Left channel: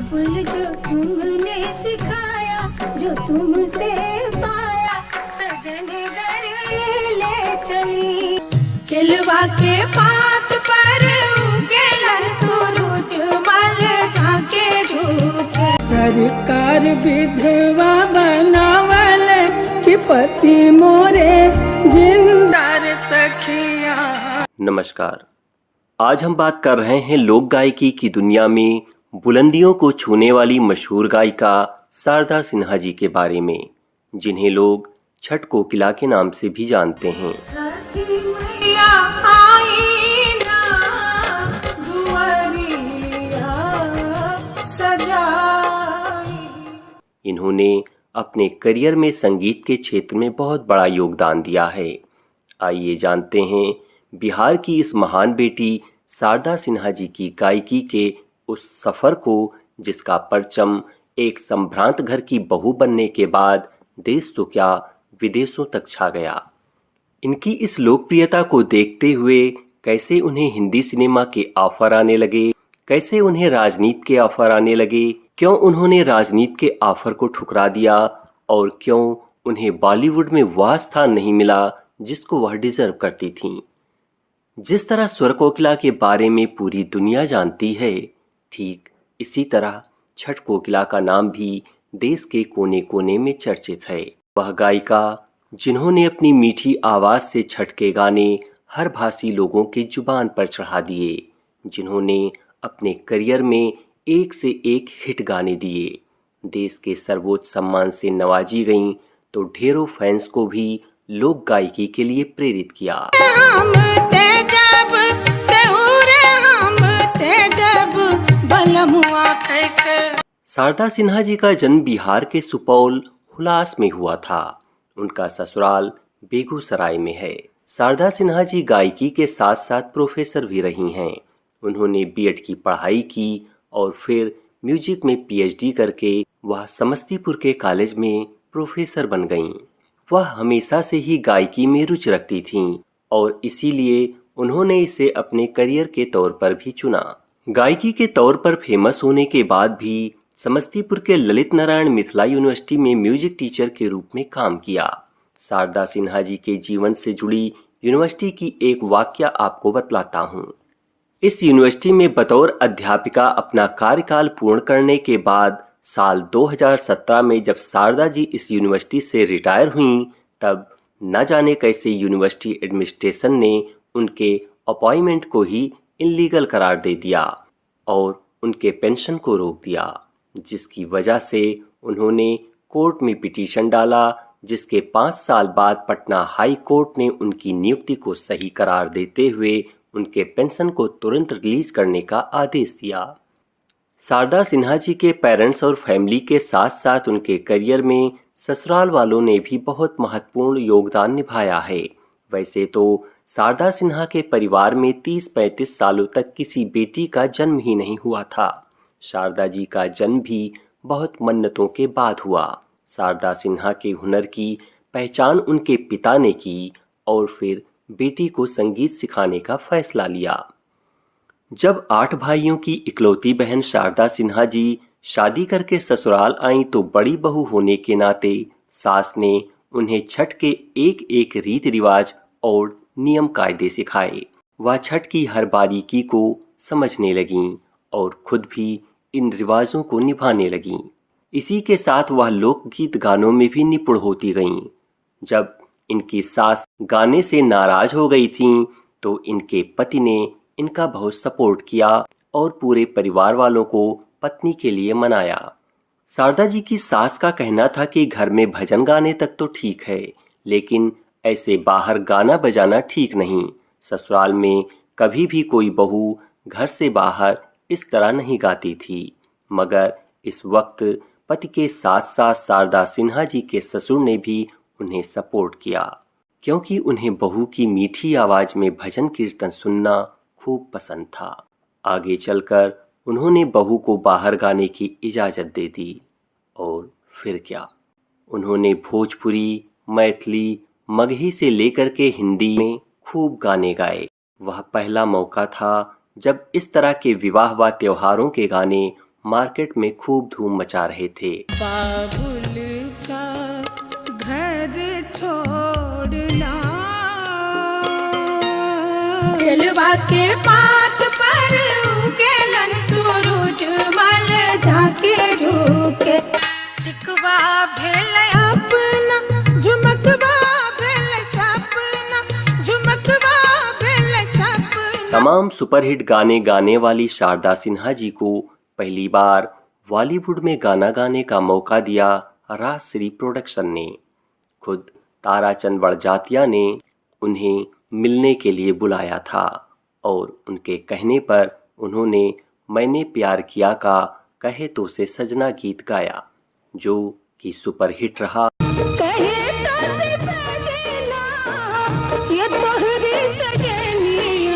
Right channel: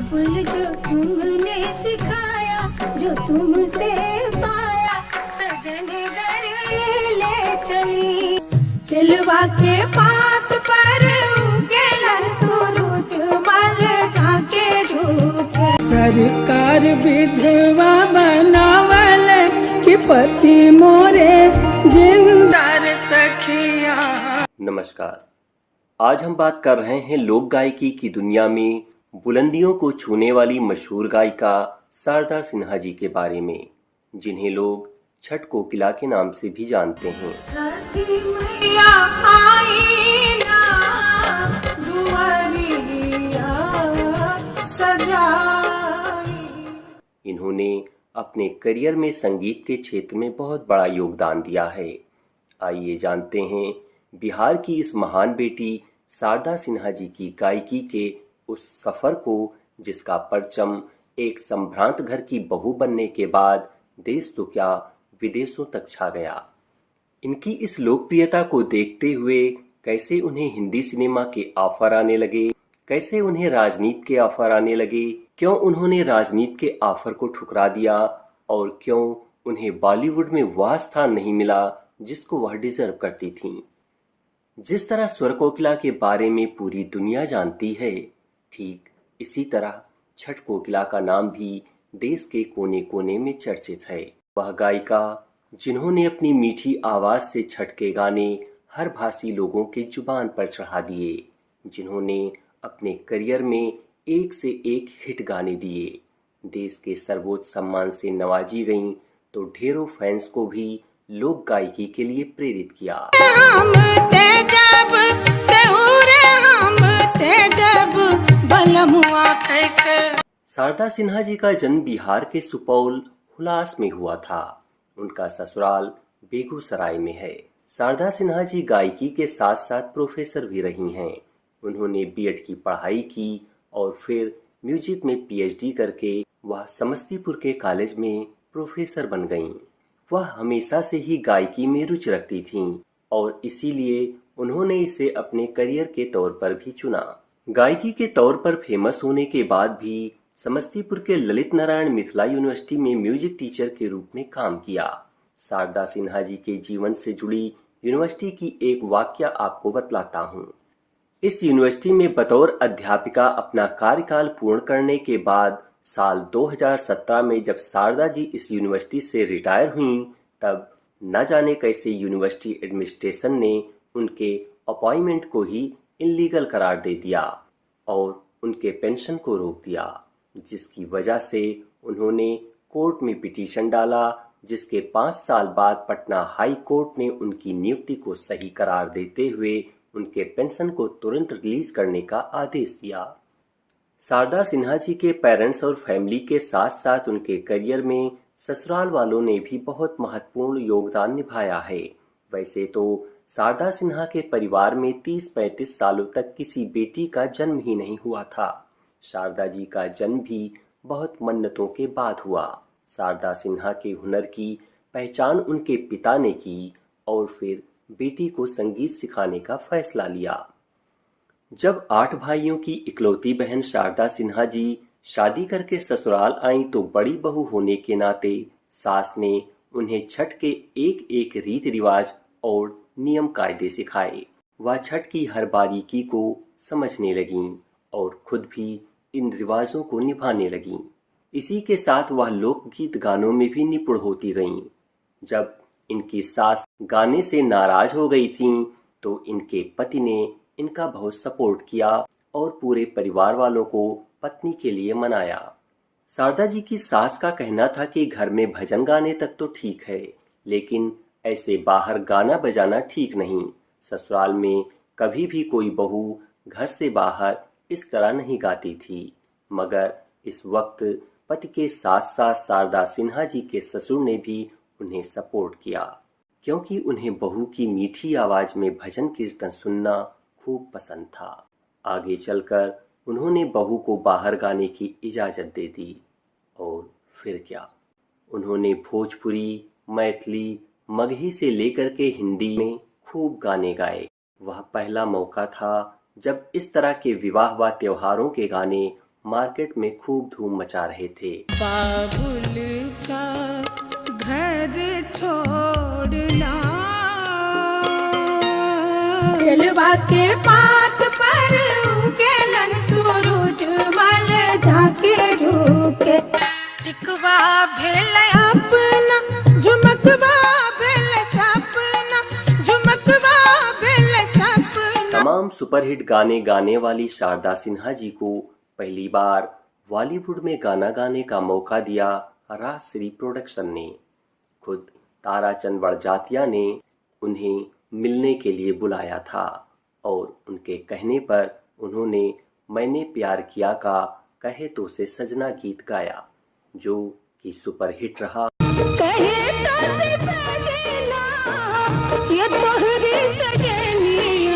फूल जो तुमने सिखाया, जो तुमसे पाया, सजन घर ले चली। केलवा के पात पर उगेलन सूरज मल झाके झूठ। सरकार विधवा बनावल कि पति मोरे जिंदार सखिया। नमस्कार, आज हम बात कर रहे हैं लोक गायकी की दुनिया में बुलंदियों को छूने वाली मशहूर गायिका शारदा सिन्हा जी के बारे में, जिन्हें लोग छठ कोकिला के नाम से भी जानते हैं। छठी मैया आई ना, दुआरिया सजाई। इन्होंने अपने करियर में संगीत के क्षेत्र में बहुत बड़ा योगदान दिया है। आइए जानते हैं बिहार की इस महान बेटी शारदा सिन्हा जी की गायकी के उस सफ़र को, जिसका परचम एक संभ्रांत घर की बहू बनने के बाद देश तो क्या विदेशों तक छा गया। इनकी इस लोकप्रियता को देखते हुए कैसे उन्हें हिंदी सिनेमा के ऑफर आने लगे, कैसे उन्हें राजनीति के ऑफर आने लगे, क्यों उन्होंने राजनीति के ऑफर को ठुकरा दिया और क्यों उन्हें बॉलीवुड में वह स्थान नहीं मिला जिसको वह डिजर्व करती थीं। जिस तरह स्वर कोकिला के बारे में पूरी दुनिया जानती है, ठीक इसी तरह छठ कोकिला का नाम भी देश के कोने कोने में चर्चित है। वह गायिका जिन्होंने अपनी मीठी आवाज़ से छठ के गाने हर भाषी लोगों के जुबान पर चढ़ा दिए, जिन्होंने अपने करियर में एक से एक हिट गाने दिए, देश के सर्वोच्च सम्मान से नवाजी गईं, तो ढेरों फैंस को भी लोक गायकी के लिए प्रेरित किया। शारदा सिन्हा जी का जन्म बिहार के सुपौल हुलास में हुआ था। उनका ससुराल बेगूसराय में है। शारदा सिन्हा जी गायकी के साथ साथ प्रोफेसर भी रही हैं। उन्होंने बीएड की पढ़ाई की और फिर म्यूजिक में पीएचडी करके वह समस्तीपुर के कॉलेज में प्रोफेसर बन गईं। वह हमेशा से ही गायकी में रुचि रखती थीं और इसीलिए उन्होंने इसे अपने करियर के तौर पर भी चुना। गायकी के तौर पर फेमस होने के बाद भी समस्तीपुर के ललित नारायण मिथिला यूनिवर्सिटी में म्यूजिक टीचर के रूप में काम किया। शारदा सिन्हा जी के जीवन से जुड़ी यूनिवर्सिटी की एक वाकया आपको बतलाता हूँ। इस यूनिवर्सिटी में बतौर अध्यापिका अपना कार्यकाल पूर्ण करने के बाद साल 2017 में जब शारदा जी इस यूनिवर्सिटी से रिटायर हुईं, तब न जाने कैसे यूनिवर्सिटी एडमिनिस्ट्रेशन ने उनके अपॉइंटमेंट को ही इलीगल करार दे दिया और उनके पेंशन को रोक दिया, जिसकी वजह से उन्होंने कोर्ट में पिटीशन डाला, जिसके 5 साल बाद पटना हाई कोर्ट ने उनकी नियुक्ति को सही करार देते हुए उनके पेंशन को तुरंत रिलीज करने का आदेश दिया। शारदा सिन्हा जी के पेरेंट्स और फैमिली के साथ साथ उनके करियर में ससुराल वालों ने भी बहुत महत्वपूर्ण योगदान निभाया है। वैसे तो शारदा सिन्हा के परिवार में 30-35 सालों तक किसी बेटी का जन्म ही नहीं हुआ था। शारदा जी का जन्म भी बहुत मन्नतों के बाद हुआ। शारदा सिन्हा के हुनर की पहचान उनके पिता ने की और फिर बेटी को संगीत सिखाने का फैसला लिया। जब 8 भाइयों की इकलौती बहन शारदा सिन्हा जी शादी करके ससुराल आईं, तो बड़ी बहू होने के नाते सास ने उन्हें छठ के एक एक रीति रिवाज और नियम कायदे सिखाए। वह छठ की हर बारीकी को समझने लगीं और खुद भी इन रिवाजों को निभाने लगीं। इसी के साथ वह लोकगीत गानों में भी निपुण होती गईं। जब इनकी सास गाने से नाराज हो गई थीं, तो इनके पति ने इनका बहुत सपोर्ट किया और पूरे परिवार वालों को पत्नी के लिए मनाया। शारदा जी की सास का कहना था कि घर में भजन गाने तक तो ठीक है, लेकिन ऐसे बाहर गाना बजाना ठीक नहीं। ससुराल में कभी भी कोई बहू घर से बाहर इस तरह नहीं गाती थी। मगर इस वक्त पति के साथ साथ शारदा सिन्हा जी के ससुर ने भी उन्हें सपोर्ट किया, क्योंकि उन्हें बहू की मीठी आवाज में भजन कीर्तन सुनना खूब पसंद था। आगे चलकर उन्होंने बहू को बाहर गाने की इजाज़त दे दी और फिर क्या, उन्होंने भोजपुरी, मैथिली, मगही से लेकर के हिंदी में खूब गाने गाए। वह पहला मौका था जब इस तरह के विवाह व त्योहारों के गाने मार्केट में खूब धूम मचा रहे थे। बाबुल का घर छोड़ना, जलवा के पात पर उगेलन सूरज मल झाके झुके, टिकवा भेल अपना झुमकवा भेल सपना, झुमकवा भेल सपना। तमाम सुपरहिट गाने गाने वाली शारदा सिन्हा जी को पहली बार बॉलीवुड में गाना गाने का मौका दिया राजश्री प्रोडक्शन ने। खुद ताराचंद बड़जात्या ने उन्हें मिलने के लिए बुलाया था और उनके कहने पर उन्होंने मैंने प्यार किया का कहे तो से सजना गीत गाया, जो कि सुपरहिट रहा। कहे तो से सजना, ये तोहरी सजनिया।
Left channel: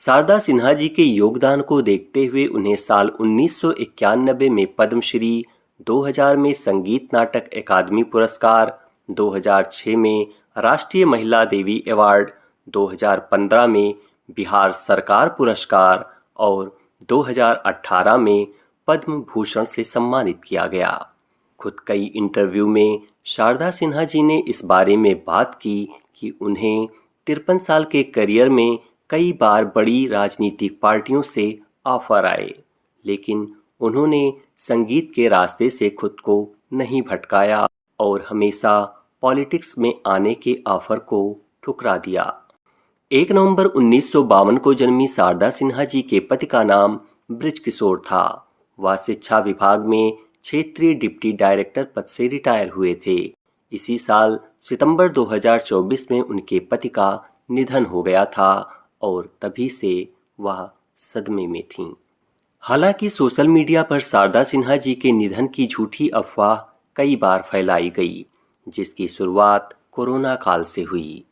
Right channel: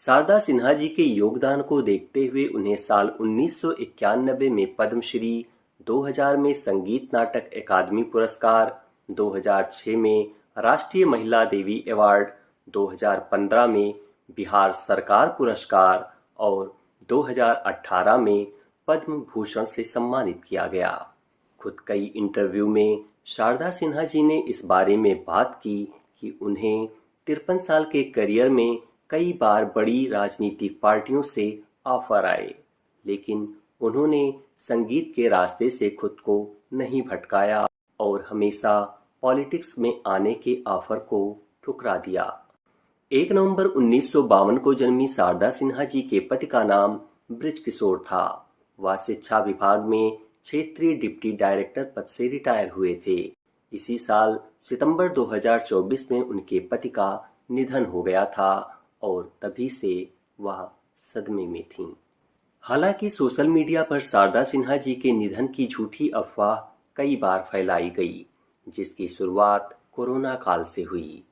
शारदा सिन्हा जी के योगदान को देखते हुए उन्हें साल 1991 में पद्मश्री, 2000 में संगीत नाटक अकादमी पुरस्कार, 2006 में राष्ट्रीय महिला देवी अवार्ड, 2015 में बिहार सरकार पुरस्कार और 2018 में पद्म भूषण से सम्मानित किया गया। खुद कई इंटरव्यू में शारदा सिन्हा जी ने इस बारे में बात की कि उन्हें 53 साल के करियर में कई बार बड़ी राजनीतिक पार्टियों से ऑफर आए, लेकिन उन्होंने संगीत के रास्ते से खुद को नहीं भटकाया और हमेशा पॉलिटिक्स में आने के ऑफर को ठुकरा दिया। 1 नवंबर 1952 को जन्मी शारदा सिन्हा जी के पति का नाम ब्रिज किशोर था। वह शिक्षा विभाग में क्षेत्रीय डिप्टी डायरेक्टर पद से रिटायर हुए थे। इसी साल सितंबर 2024 में उनके पति का निधन हो गया था और तभी से वह सदमे में थीं। हालांकि सोशल मीडिया पर शारदा सिन्हा जी के निधन की झूठी अफवाह कई बार फैलाई गई, जिसकी शुरुआत कोरोना काल से हुई।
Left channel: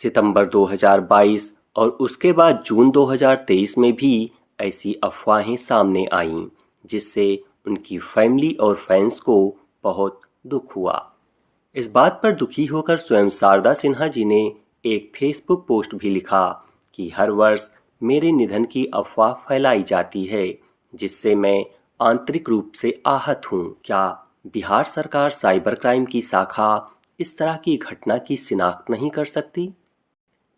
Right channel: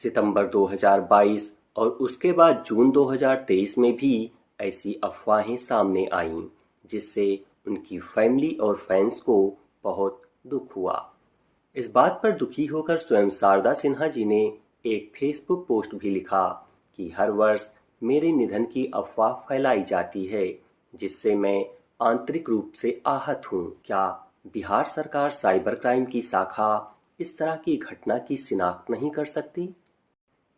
सितंबर 2022 और उसके बाद जून 2023 में भी ऐसी अफवाहें सामने आईं, जिससे उनकी फैमिली और फैंस को बहुत दुख हुआ। इस बात पर दुखी होकर स्वयं शारदा सिन्हा जी ने एक फेसबुक पोस्ट भी लिखा कि हर वर्ष मेरे निधन की अफवाह फैलाई जाती है, जिससे मैं आंतरिक रूप से आहत हूँ। क्या बिहार सरकार साइबर क्राइम की शाखा इस तरह की घटना की शिनाख्त नहीं कर सकती?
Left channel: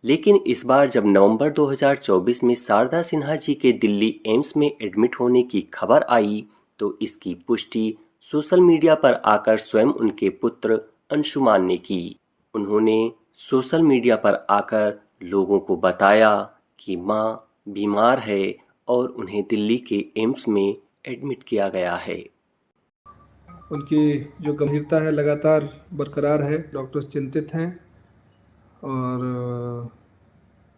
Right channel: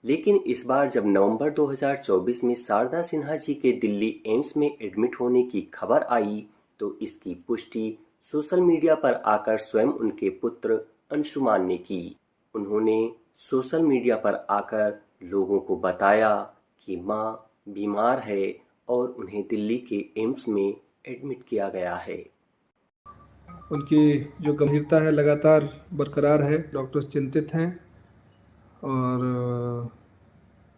लेकिन इस बार जब नवंबर 2024 में शारदा सिन्हा जी के दिल्ली एम्स में एडमिट होने की खबर आई, तो इसकी पुष्टि सोशल मीडिया पर आकर स्वयं उनके पुत्र अंशुमान ने की। उन्होंने सोशल मीडिया पर आकर लोगों को बताया कि मां बीमार है और उन्हें दिल्ली के एम्स में एडमिट किया गया है। उनकी जो गंभीरता है लगातार बरकरार है। डॉक्टर्स चिंतित हैं और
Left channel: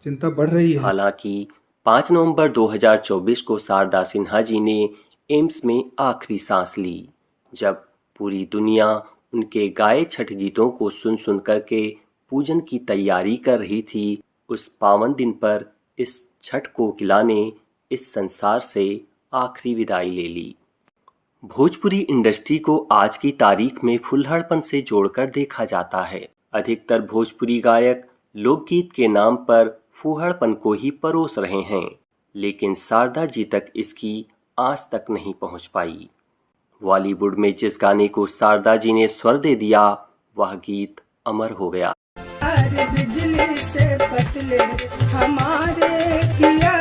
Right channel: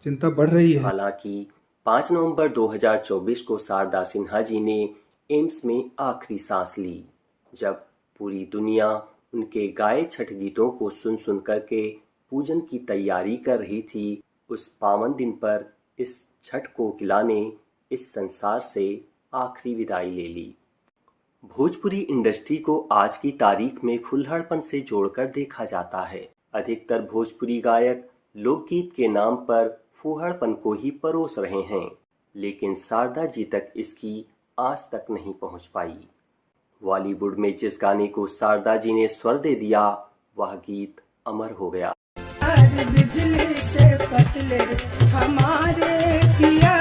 चिंता बढ़ रही है। हालांकि 5 नवंबर 2024 को शारदा सिन्हा जी ने एम्स में आखिरी सांस ली, जब पूरी दुनिया उनके गाए छठ गीतों को सुन सुन करके पूजन की तैयारी कर रही थी। उस पावन दिन पर इस छठ कोकिला ने इस संसार से आखिरी विदाई ले ली। भोजपुरी इंडस्ट्री को आज की तारीख में फुल्लड़पन से जोड़कर देखा जाता है। अधिकतर भोजपुरी गायक लोकगीत के नाम पर फूहड़पन को ही परोस रहे हैं, लेकिन शारदा जी तक इसकी आस तक नहीं पहुंच पाई। बॉलीवुड में जिस गाने को शारदा जी ने स्वर दे दिया, वह गीत अमर हो गया। बिजली से पतले हमारे किया,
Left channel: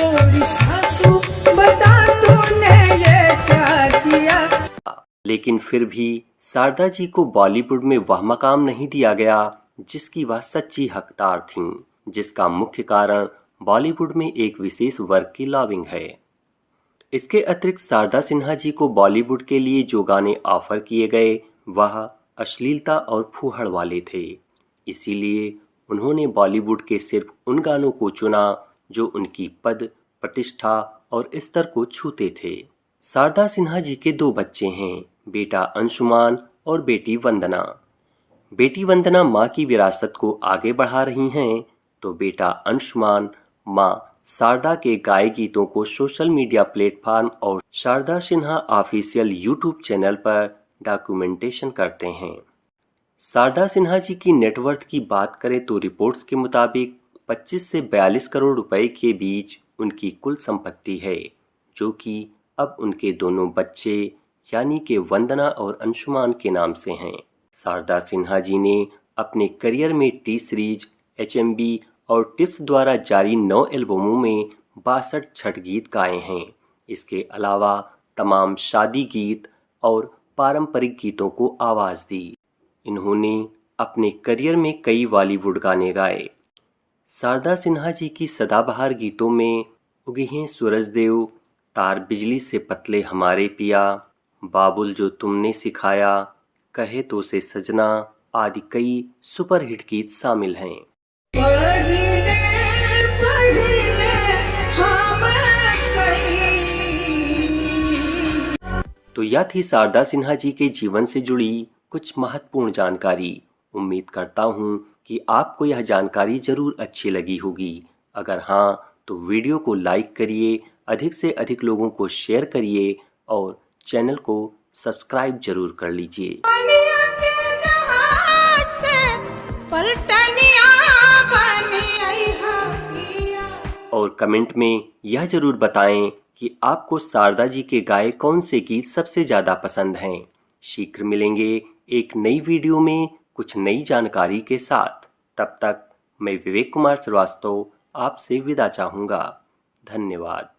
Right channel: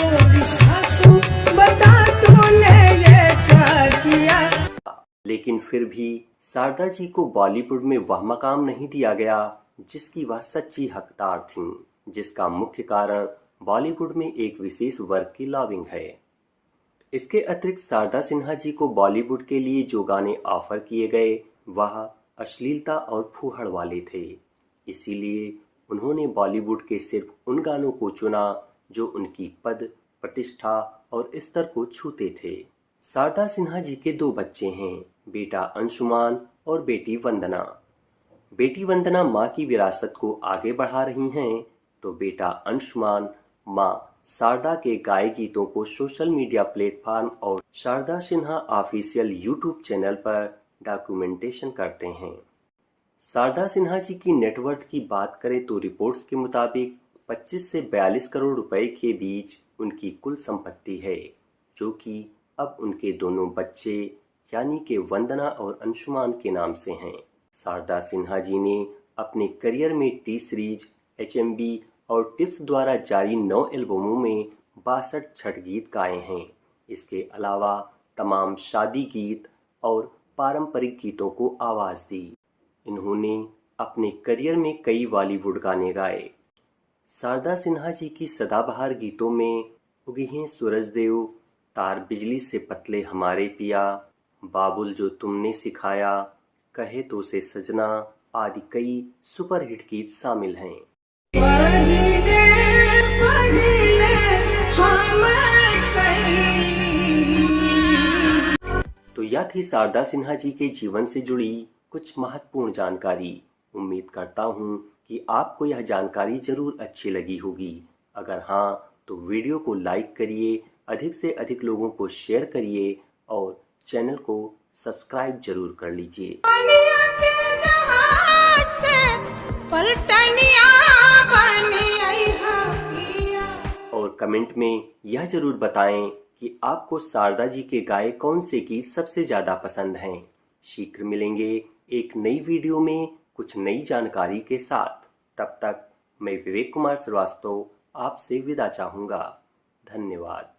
और सासू बता तूने ये क्या किया। लेकिन फिर भी शारदा जी को बॉलीवुड में वह मकाम नहीं दिया गया जिसकी वह सच्ची हकदार थीं, जिसका मुख्य कारण बॉलीवुड में एक विशेष वर्ग की लॉबिंग है। इसके अतिरिक्त शारदा सिन्हा जी को बॉलीवुड के लिए जो गाने ऑफर किए गए वह अश्लीलता और फूहड़ वाले थे। इसीलिए उन्होंने बॉलीवुड के सिर्फ उन गानों को चुना जो उनकी पद, प्रतिष्ठा और स्तर को छूते थे। शारदा सिन्हा जी के 2 बच्चे हैं, बेटा अंशुमान और बेटी वंदना। बेटी वंदना माँ की विरासत को आगे बढ़ा रही हैं, तो बेटा अंशुमान माँ शारदा के गाए गीतों को सोशल मीडिया प्लेटफॉर्म और Sharda Sinha official YouTube channel पर डॉक्यूमेंटेशन करते हैं। शारदा सिन्हा जी की नेटवर्थ की बात करें तो रिपोर्ट्स के मुताबिक 25 से 42 करोड़ रुपए के बीच उनकी कुल संपत्ति है, जो कि अब उनके दोनों बच्चे यानी कि वंदना और अंशुमान के नाम से हैं। शारदा सिन्हा जी ने अपने करियर में टी सीरीज, HMB और टिप्स द्वारा जारी 9 एल्बमों में 62 छठ गीत गाए हैं। इसके अलावा तमाम शादी गीत और पारंपरिक गीतों को आवाज़ दी। इन्होंने अपने करियर में कई बॉलीवुड गाने गाए। शारदा सिन्हा जी की सदाबहार गीतों में उगे हैं सूरजदेव, तार बिजली से पतले हमारे पिया, बाबुल जो तुमने सिखाया, कहे तो से सजना आदि कई सुपरहिट गीत शामिल हैं। पहिले पहिले हम तो यह थी शारदा सिन्हा जी के जीवन से जुड़ी कुछ महत्वपूर्ण जानकारी। उम्मीद करता हूँ कि आपको यह जानकारी जरूर अच्छी लगी होगी। अगर हाँ तो वीडियो को लाइक करिए, अधिक से अधिक लोगों को शेयर करिए और चैनल को सब्सक्राइब जरूर कर लीजिए। पनिया के जहाज से पलटनिया बनी आई पिया। और कमेंट में यह जरूर बताएं कि आपको शारदा जी के गाए कौन से गीत सबसे ज़्यादा पसंद हैं। शीघ्र मिलेंगे एक नई वीडियो में कुछ नई जानकारी के साथ। तब तक मैं विवेक कुमार श्रीवास्तव आपसे विदा चाहूँगा। धन्यवाद।